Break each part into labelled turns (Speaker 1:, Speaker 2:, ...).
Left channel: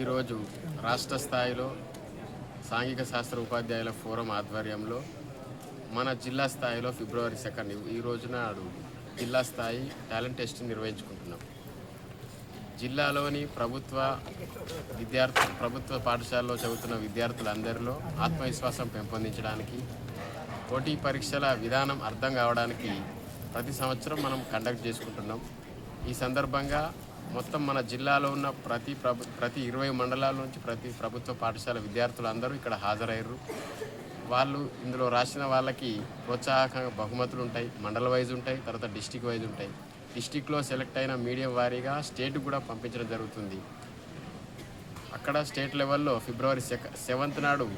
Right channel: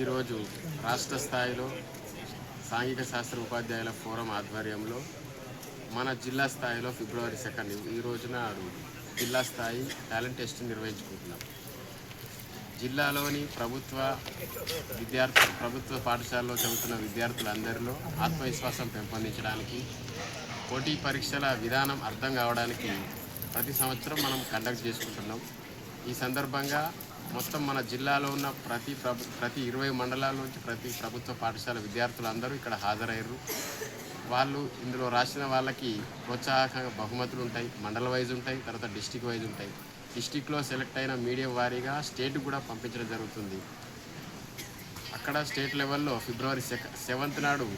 Speaker 1: ఈరోజు రాష్ట్ర స్థాయిలో సాంఘిక శాస్త్ర ఉపాధ్యాయుల ఫోరం ఆధ్వర్యంలో మన జిల్లా స్థాయిలో ఫిబ్రవరి సెకండ్ ఈ రోజున జిల్లా స్థాయి టాలెంట్ టెస్ట్ నిర్వహించుకుంటున్నాం. జిల్లాలోని ప్రభుత్వ విద్యార్థి ప్రభుత్వ పాఠశాలలో చదువుతున్న విద్యార్థులందరిలో ఆత్మవిశ్వాసం పెంపొందించడానికి పోటీ పరీక్షల విధానం అర్థం కావడానికి ప్రతి సంవత్సరం మనం కండక్ట్ చేసుకుంటున్నాం. ఈ సందర్భంగా మొత్తం మన జిల్లాలో ఉన్న ప్రతి ప్రభు ప్రతి ఇరవై మండలాల నుంచి ప్రతి ప్రభుత్వ పాఠశాల విద్యార్థులు అందరూ ఇక్కడ హాజరయ్యారు. వాళ్ళు ఇందులో రాసిన వాళ్ళకి ప్రోత్సాహకంగా బహుమతులు ఉంటాయి మండల వైజ్ ఉంటాయి తర్వాత డిస్టిక్ వైజ్ ఉంటాయి. డిస్టిక్లో సెలెక్ట్ అయిన మీడియం వారీగా స్టేట్ కూడా పంపించడం జరుగుతుంది. అక్కడ స్టేట్ లెవెల్లో ఫిబ్రవరి సెవెంత్ నాడు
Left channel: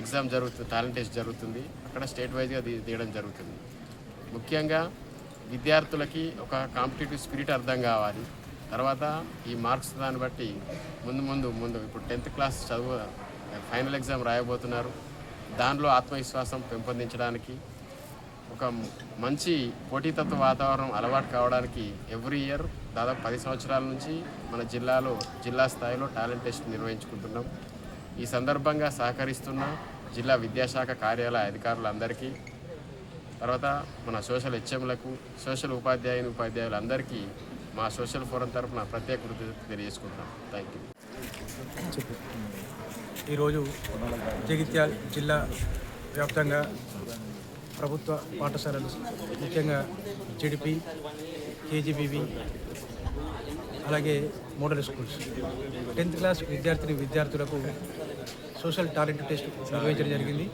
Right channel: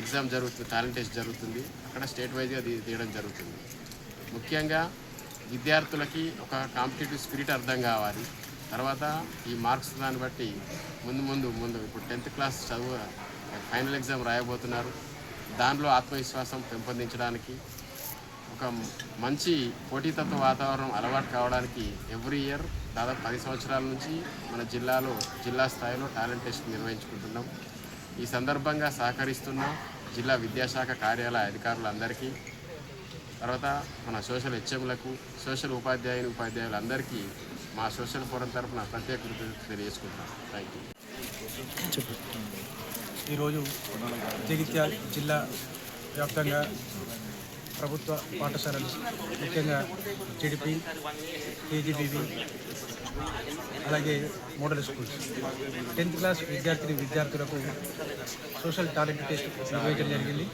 Speaker 1: ఎగ్జామ్ జరుగుతుంది టాలెంట్ టెస్ట్ జరుగుతుంది. అక్కడ స్టేట్ వైజ్గా తీయడం జరుగుతుంది. ముఖ్యంగా విద్యార్థులకి ఒక కాంపిటేటివ్ స్పిరిట్ అర్థం కావాలి. తర్వాత ఈ మార్క్స్ దాన్ని బట్టి ముందు ముందు ముందు ఇప్పుడు టెన్త్ క్లాస్ చదువు ఫైనల్ ఎగ్జామ్ రాయబోతున్నారు. దానిలో ఆత్మవిశ్వాసం పెంపొందించడానికి ఒక మంచి పోటీతత్వ వాతావరణం అలవాటు కావడానికి ఎవ్రీ ఇయర్ దాదాపు పది సంవత్సరాల నుంచి మన జిల్లాలో జిల్లా స్థాయిలో టాలెంట్ టెస్ట్ నిర్వహించుకుంటున్నాం. ఈ సందర్భంగా సహకరిస్తున్న జిల్లా విద్యాశాఖ కార్యాలయ అధికారులందరికీ తర్వాత మన సోషల్ హెచ్ఎంలకు సోషల్ ఉపాధ్యాయుని ఉపాధ్యాయులందరికీ మా సోషల్ ఫోరం తరఫున ప్రత్యేక కృతజ్ఞత తెలియజేసుకుంటాం థ్యాంక్ యూ
Speaker 2: ఈరోజు జగిత్యాల జిల్లా వ్యాప్తంగా ప్రభుత్వ పాఠశాలలు ముఖ్యంగా జడిపి కేజీబీవి అలాగే మోడల్ స్కూల్స్. టెన్త్ క్లాస్ విద్యార్థిని విద్యార్థులకు సోషల్ టాలెంట్ టెస్ట్ నిర్వహించడం జరిగింది.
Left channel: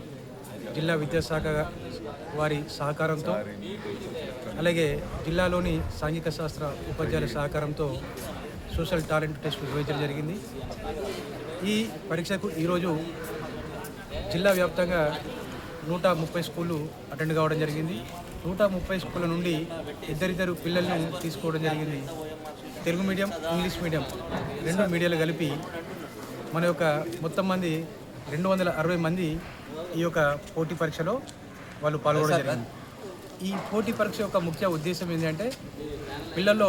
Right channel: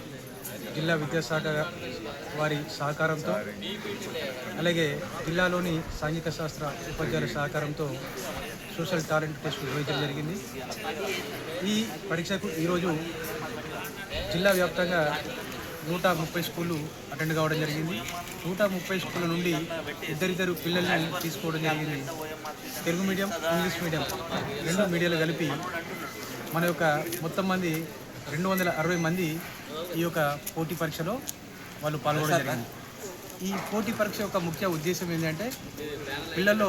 Speaker 2: జిల్లా విద్యాశాఖ వారి సహకారంతో అలాగే జిల్లాలోని సాంఘిక శాస్త్ర ఉపాధ్యాయుల సహకారంతో సోషల్ టాలెంట్ టెస్ట్ నిర్వహించడం జరిగింది. ఈ పరీక్షకు ఈరోజు జిల్లా వ్యాప్తంగా నూట ముప్పై స్కూళ్ళు అటెండ్ కావడం జరిగింది. నూట ముప్పై స్కూళ్ళ నుండి ఇద్దరిద్దరు పిల్లల్ని తీసుకోవడం జరిగింది. తెలుగు మీడియం ఇంగ్లీష్ మీడియం రెండు మీడియాలు కలిపి మన యొక్క మొత్తం మంది రెండు వందల అరవై మంది ఈ యొక్క పోటీ పరీక్షలో వాళ్ళు పాల్గొనడం జరిగింది. ఈ పోటీ పరీక్ష యొక్క ముఖ్య ఉద్దేశం ఏంటంటే పిల్లల్లో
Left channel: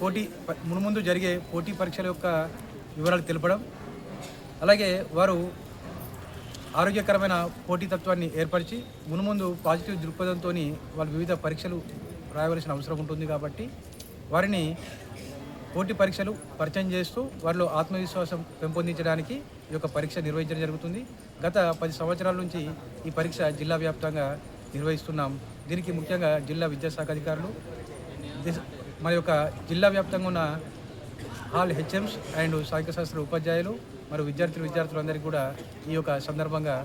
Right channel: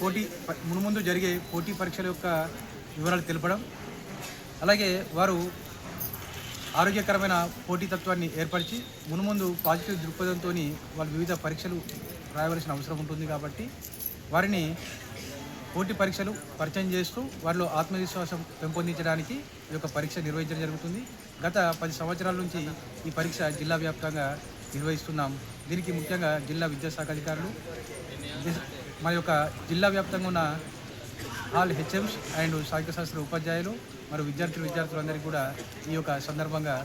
Speaker 2: పోటీ మునుముందు జరిగే పోటీ పరీక్షల యొక్క వివరాలు తెలపడం అలాగే వారు ఆరోగ్యకరమైన పోటీతత్వాన్ని ఏర్పరిచి మునుముందు పాజిటివ్ దృక్పథంతో వాళ్ళు వివిధ పరీక్షలు రాయవలసిన అవసరం ఉంటుంది కాబట్టి వారిని పోటీ పరీక్షలు పరిచయం చేస్తూ వారిలో ఆత్మవిశ్వాసం పెంపొందించడానికి ఈ యొక్క పరీక్ష నిర్వహించడం జరుగుతుంది. గత పది సంవత్సరాల నుంచి ఈ పరీక్ష జిల్లా వ్యాప్తంగా నిర్వహిస్తున్నాం. దీనికి ముఖ్యంగా జిల్లా విద్యాశాఖ అధికారులు దిస్- మన యొక్క జిల్లా వ్యాప్తంగా ఉన్న ఆల్ హెచ్ఎంస్ అండ్ సాహిత్య శాస్త్ర ఉపాధ్యాయులు మరియు విద్యార్థులు విద్యార్థులందరికీ కూడా ఈ యొక్క సందర్భంగా